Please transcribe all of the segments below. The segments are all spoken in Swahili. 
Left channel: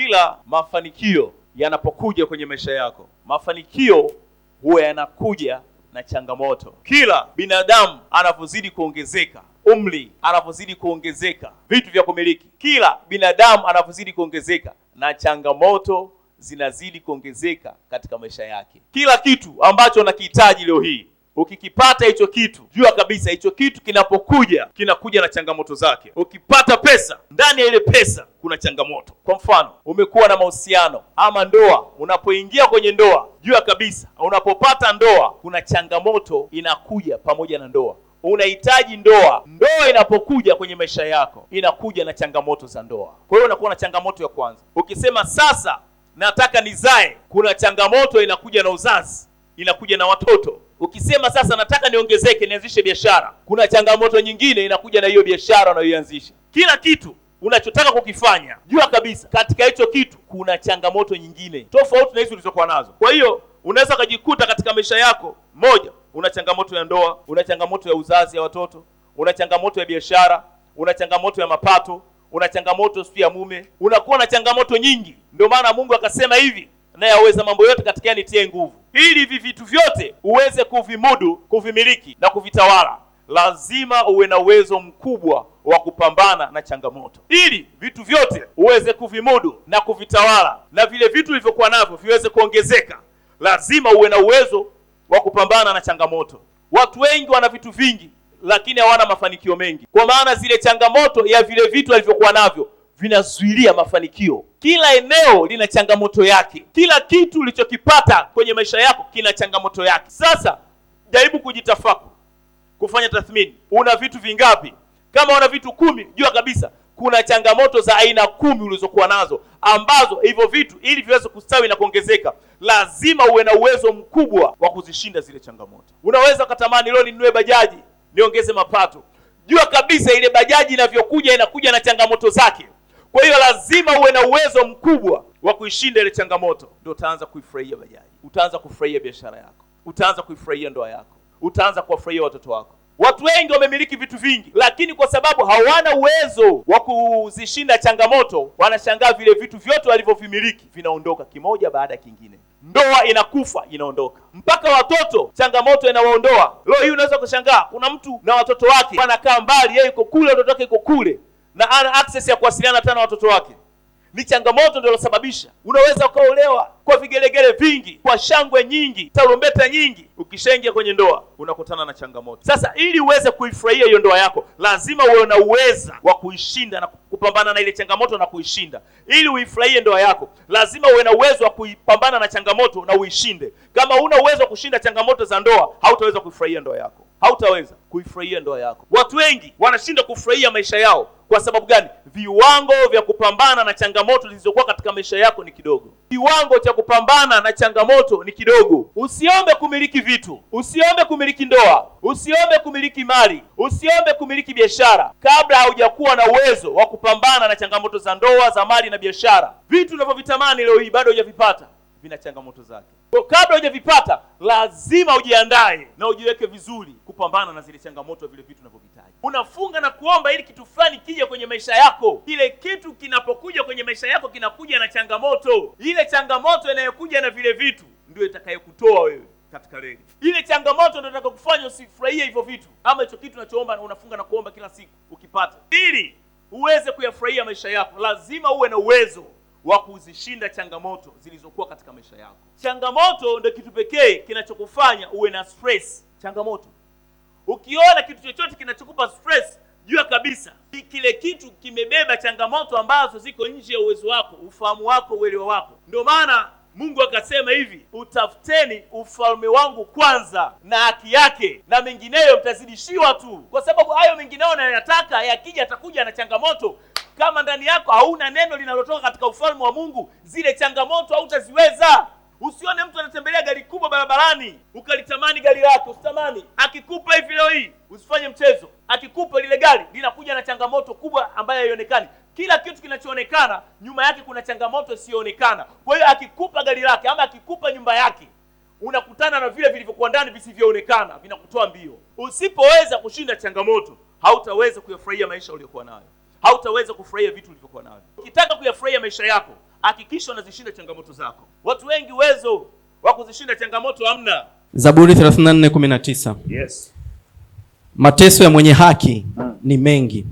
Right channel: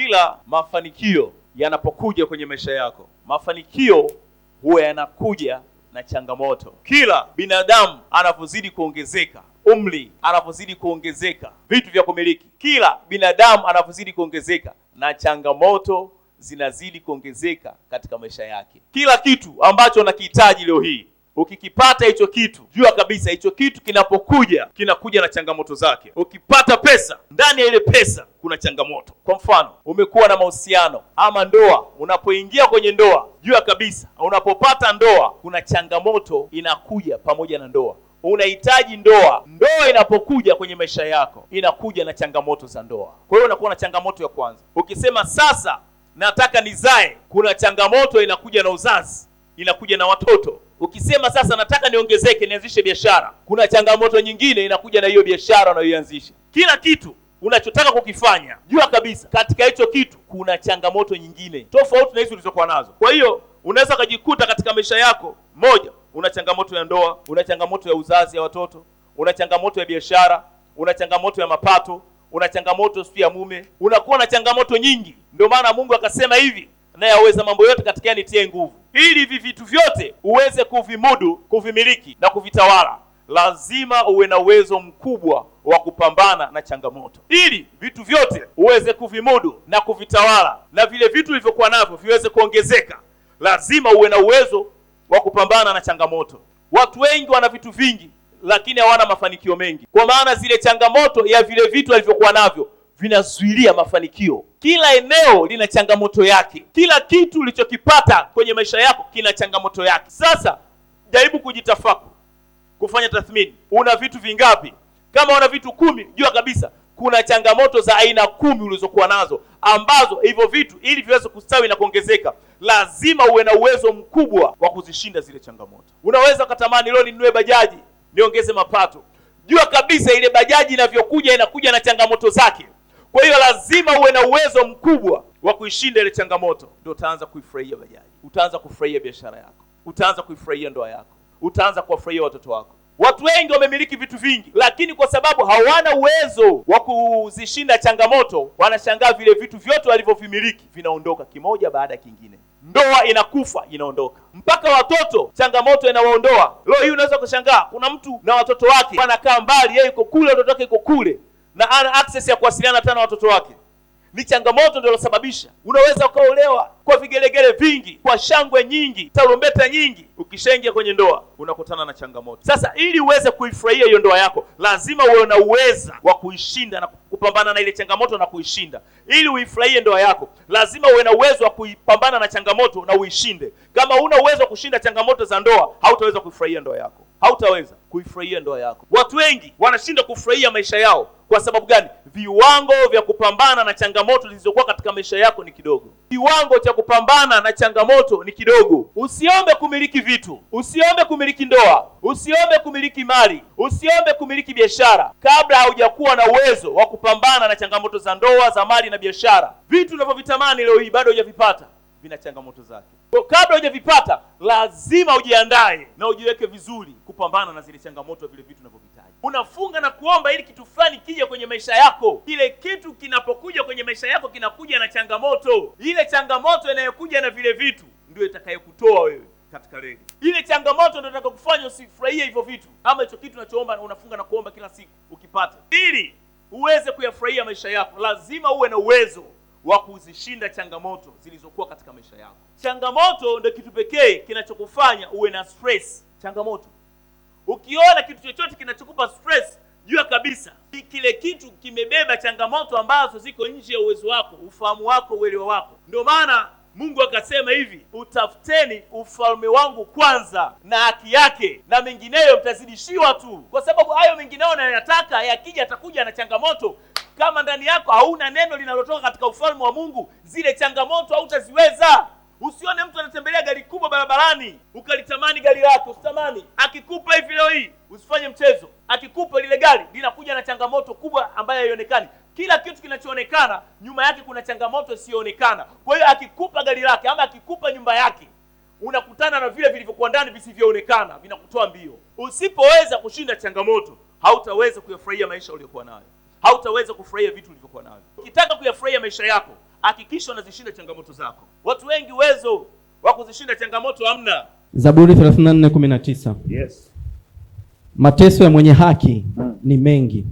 Kila mafanikio yanapokuja kwenye maisha yako, mafanikio huwa yanakuja na changamoto. Kila binadamu anapozidi kuongezeka, umri anapozidi kuongezeka, vitu vya kumiliki, kila binadamu anapozidi kuongezeka, na changamoto zinazidi kuongezeka katika maisha yake. Kila kitu ambacho unakihitaji leo hii, ukikipata hicho kitu, jua kabisa hicho kitu kinapokuja kinakuja na changamoto zake. Ukipata pesa, ndani ya ile pesa kuna changamoto. Kwa mfano, umekuwa na mahusiano ama ndoa, unapoingia kwenye ndoa, jua kabisa unapopata ndoa kuna changamoto inakuja pamoja na ndoa. Unahitaji ndoa. Ndoa inapokuja kwenye maisha yako inakuja na changamoto za ndoa. Kwa hiyo unakuwa na changamoto ya kwanza. Ukisema sasa nataka nizae, kuna changamoto inakuja na uzazi, inakuja na watoto. Ukisema sasa nataka niongezeke, nianzishe biashara, kuna changamoto nyingine inakuja na hiyo biashara unayoianzisha. Kila kitu unachotaka kukifanya, jua kabisa katika hicho kitu kuna changamoto nyingine tofauti na hizo ulizokuwa nazo. Kwa hiyo unaweza kujikuta katika maisha yako, moja, una changamoto ya ndoa, una changamoto ya uzazi ya watoto, una changamoto ya biashara, una changamoto ya mapato, una changamoto sio ya mume, unakuwa na changamoto nyingi. Ndio maana Mungu akasema hivi, naye aweza mambo yote katika nitie nguvu. Ili hivi vitu vyote uweze kuvimudu, kuvimiliki na kuvitawala, lazima uwe na uwezo mkubwa wa kupambana na changamoto. Ili vitu vyote uweze kuvimudu na kuvitawala, na vile vitu vilivyokuwa navyo viweze kuongezeka, lazima uwe na uwezo wa kupambana na changamoto. Watu wengi wana vitu vingi lakini hawana mafanikio mengi, kwa maana zile changamoto ya vile vitu walivyokuwa navyo vinazuilia mafanikio. Kila eneo lina changamoto yake. Kila kitu ulichokipata kwenye maisha yako kina changamoto yake. Sasa jaribu kujitafakari, kufanya tathmini, una vitu vingapi? Kama una vitu 10, jua kabisa kuna changamoto za aina 10 ulizokuwa nazo, ambazo hivyo vitu ili viweze kustawi na kuongezeka, lazima uwe na uwezo mkubwa wa kuzishinda zile changamoto. Unaweza kutamani leo ninunue bajaji, niongeze mapato. Jua kabisa ile bajaji inavyokuja inakuja na changamoto zake. Kwa hiyo lazima uwe na uwezo mkubwa wa kuishinda ile changamoto, ndio utaanza kuifurahia bajaji, utaanza kufurahia biashara yako, utaanza kuifurahia ndoa yako, utaanza kuwafurahia watoto wako. Watu wengi wamemiliki vitu vingi, lakini kwa sababu hawana uwezo wa kuzishinda changamoto, wanashangaa vile vitu vyote walivyovimiliki vinaondoka kimoja baada ya kingine. Ndoa inakufa, inaondoka. Mpaka watoto changamoto inawaondoa. Leo hii unaweza kushangaa kuna mtu na watoto wake wanakaa mbali, yeye yuko kule, watoto wake yuko kule, na ana access ya kuwasiliana tena na watoto wake. Ni changamoto ndio ilosababisha. Unaweza ukaolewa kwa vigelegele vingi, kwa shangwe nyingi, tarumbeta nyingi, ukishaingia kwenye ndoa unakutana na changamoto. Sasa ili uweze kuifurahia hiyo ndoa yako, lazima uwe na uweza wa kuishinda na kupambana na ile changamoto na kuishinda. Ili uifurahie ndoa yako, lazima uwe na uwezo wa kupambana na changamoto na uishinde. Kama huna uwezo wa kushinda changamoto za ndoa, hautaweza kuifurahia ndoa yako. Hautaweza kuifurahia ndoa yako. Watu wengi wanashinda kufurahia maisha yao. Kwa sababu gani? Viwango vya kupambana na changamoto zilizokuwa katika maisha yako ni kidogo. Kiwango cha kupambana na changamoto ni kidogo. Usiombe kumiliki vitu, usiombe kumiliki ndoa, usiombe kumiliki mali, usiombe kumiliki biashara kabla haujakuwa na uwezo wa kupambana na changamoto za ndoa, za mali na biashara. Vitu unavyovitamani leo hii bado hujavipata, vina changamoto zake. Kwa kabla hujavipata, lazima ujiandae na ujiweke vizuri kupambana na zile changamoto, vile vitu unavyohitaji. Unafunga na kuomba ili kitu fulani kije kwenye maisha yako. Kile kitu kinapokuja kwenye maisha yako kinakuja na changamoto. Ile changamoto inayokuja na vile vitu ndio itakayokutoa wewe katika reli. Ile changamoto ndio itakayokufanya usifurahie hivyo vitu ama hicho kitu unachoomba, unafunga na kuomba kila siku ukipata. Ili uweze kuyafurahia maisha yako, lazima uwe na uwezo wa kuzishinda changamoto zilizokuwa katika maisha yako. Changamoto ndio kitu pekee kinachokufanya uwe na stress. Changamoto. Ukiona kitu chochote kinachokupa stress, jua kabisa kile kitu kimebeba changamoto ambazo ziko nje ya uwezo wako, ufahamu wako, uelewa wako. Ndio maana Mungu akasema hivi, utafuteni ufalme wangu kwanza na haki yake, na mengineyo mtazidishiwa tu. Kwa sababu hayo mengineyo unayotaka yakija atakuja na changamoto. Kama ndani yako hauna neno linalotoka katika ufalme wa Mungu, zile changamoto hautaziweza. Usione mtu anatembelea gari kubwa barabarani ukalitamani gari lako, usitamani. Akikupa hivi leo hii, usifanye mchezo. Akikupa lile gari linakuja na changamoto kubwa ambayo haionekani. Kila kitu kinachoonekana nyuma yake kuna changamoto isiyoonekana. Kwa hiyo akikupa gari lake ama akikupa nyumba yake, unakutana na vile vilivyokuwa ndani visivyoonekana, vinakutoa mbio. Usipoweza kushinda changamoto, hautaweza kuyafurahia maisha uliyokuwa nayo. Hautaweza kufurahia vitu ulivyokuwa navyo. Ukitaka kuyafurahia maisha yako, hakikisha unazishinda changamoto zako. Watu wengi uwezo wa kuzishinda changamoto hamna. Zaburi 34:19. Yes. Mateso ya mwenye haki ni mengi,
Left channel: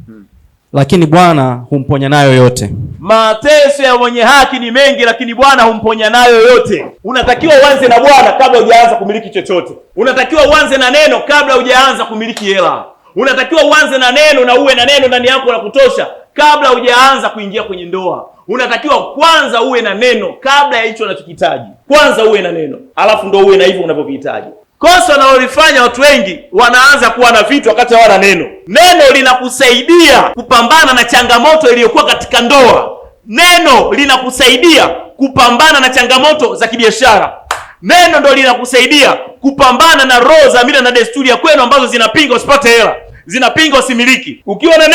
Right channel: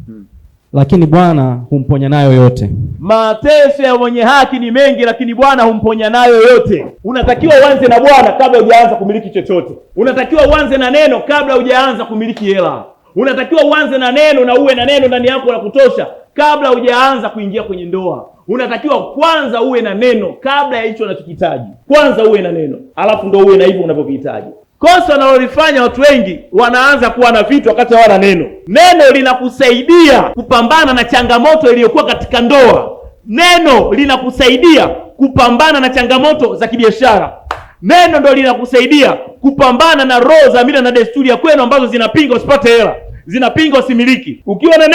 lakini Bwana humponya nayo yote. Mateso ya mwenye haki ni mengi, lakini Bwana humponya nayo yote. Unatakiwa uanze na Bwana kabla hujaanza kumiliki chochote. Unatakiwa uanze na neno kabla hujaanza kumiliki hela. Unatakiwa uanze na neno na uwe na neno ndani yako la kutosha kabla hujaanza kuingia kwenye ndoa. Unatakiwa kwanza uwe na neno kabla ya hicho unachokihitaji. Kwanza uwe na neno, alafu ndo uwe na hivyo unavyovihitaji. Kosa wanalolifanya watu wengi, wanaanza kuwa na vitu wakati hawana neno. Neno linakusaidia kupambana na changamoto iliyokuwa katika ndoa. Neno linakusaidia kupambana na changamoto za kibiashara. Neno ndo linakusaidia kupambana na roho za mila na desturi ya kwenu ambazo zinapinga usipate hela, zinapinga usimiliki. Ukiwa na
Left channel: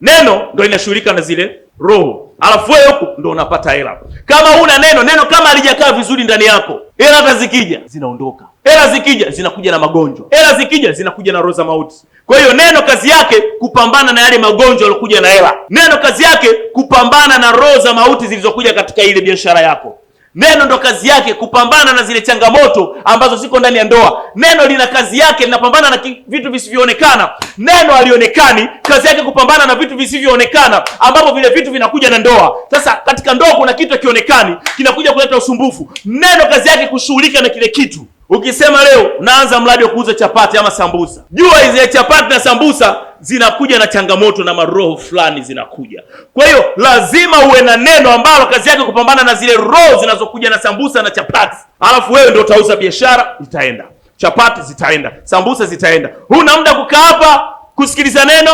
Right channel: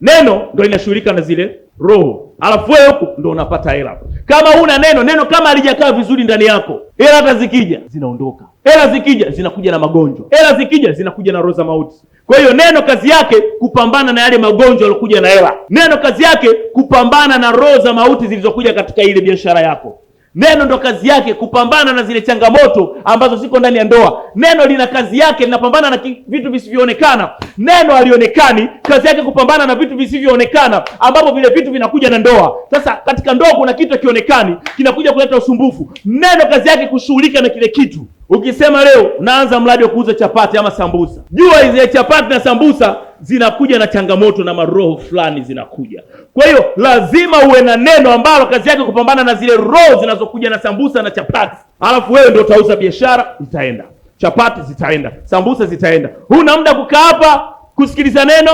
neno ndo linashughulika na zile roho, alafu wewe huko ndo unapata hela. Kama huna neno kama halijakaa vizuri ndani yako, hela hata zikija zinaondoka. Hela zikija zinakuja na magonjwa. Hela zikija zinakuja na roho za mauti. Kwa hiyo neno kazi yake kupambana na yale magonjwa yaliokuja na hela. Neno kazi yake kupambana na roho za mauti zilizokuja katika ile biashara yako. Neno ndo kazi yake kupambana na zile changamoto ambazo ziko ndani ya ndoa. Neno lina kazi yake linapambana na vitu visivyoonekana. Neno halionekani, kazi yake kupambana na vitu visivyoonekana ambapo vile vitu vinakuja na ndoa. Sasa katika ndoa kuna kitu kionekani kinakuja kuleta usumbufu. Neno kazi yake kushughulika na kile kitu. Ukisema leo unaanza mradi wa kuuza chapati ama sambusa, jua hizo chapati na sambusa zinakuja na changamoto na maroho fulani zinakuja. Kwa hiyo lazima uwe na neno ambalo kazi yake kupambana na zile roho zinazokuja na sambusa na chapati. Alafu wewe ndio utauza, biashara itaenda, chapati zitaenda, sambusa zitaenda. Huna muda kukaa hapa kusikiliza neno,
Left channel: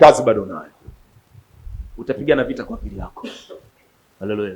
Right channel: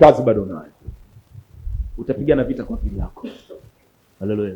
kazi bado unayo. Utapigana vita kwa akili yako. Haleluya.